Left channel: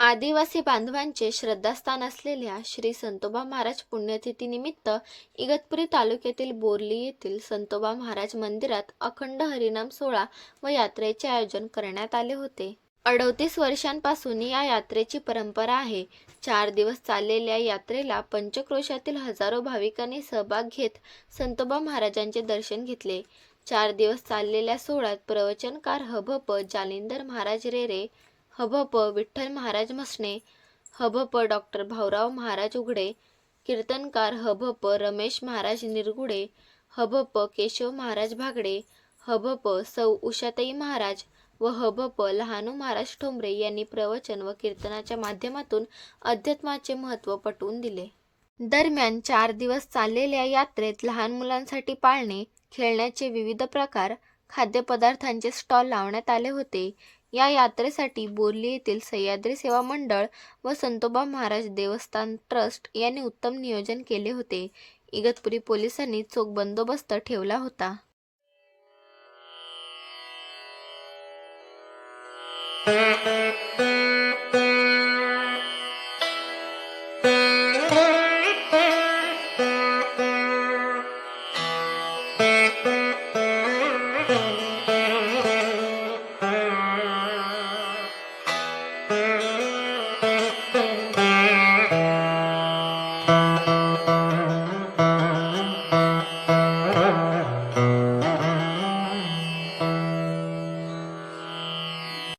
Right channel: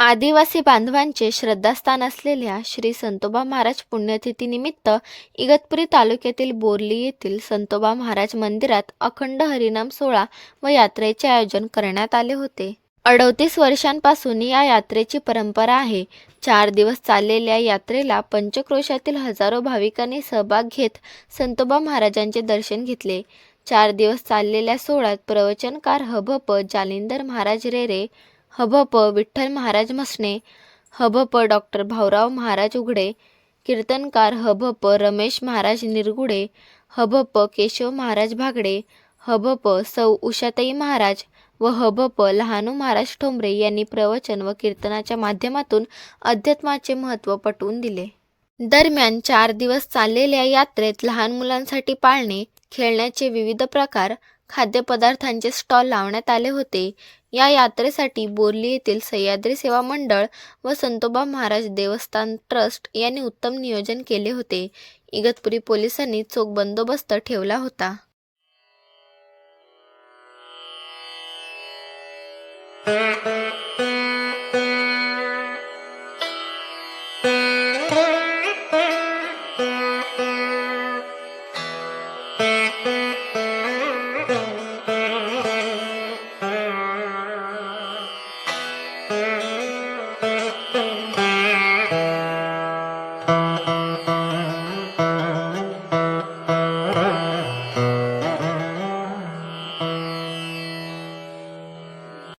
आदिवासी बांधवांचे श्रद्धास्थान असलेल्या श्री संतोबा महाराज पुण्यतिथीनिमित्त इगतपुरी तालुक्यातील बोरली येथील संतोबा महाराज मंदिरात अखंड हरिनाम सोहळा व यात्रेचे आयोजन करण्यात आले होते. अडतीस वर्षांपासून या यात्रेची परंपरा आहे. चार दिवस चाललेल्या यात्रेला पंचक्रोशातील हजारो भाविकांनी सहभाग घेत संतोबा महाराजांचे दर्शन घेतले. चार दिवस चाललेल्या सोहळ्यात प्रवचनकार हभप जालिंदर महाराज रेरे हभप विठ्ठल महाराज म्हसणे हभप डॉक्टर भाऊराव महाराज उघडे कीर्तनकार हभप रमेश महाराज निरगुडे हभप केशव महाराज भागडे हभप सौ उषाताई महाराज व हभप लहानू महाराज ठोंबरे यांनी प्रवचन व कीर्तनाच्या माध्यमातून अध्यात्माचे महत्त्व पटवून दिले. दरम्यान चार दिवस चाललेल्या यात्रेत लहान मुलांसाठी पाळणे खेळण्याचे विविध प्रकार खाद्यपदार्थांचे स्टॉल लावण्यात आले होते. या यात्रेसाठी बोर्ली येथील सह्याद्री सेवा मंडळ व संतोबा महाराज देवस्थान ट्रस्ट यांनी उत्तम नियोजन केले होते. इगतपुरी पोलिसांनी चोख बंदोबस्त ठेवला होता.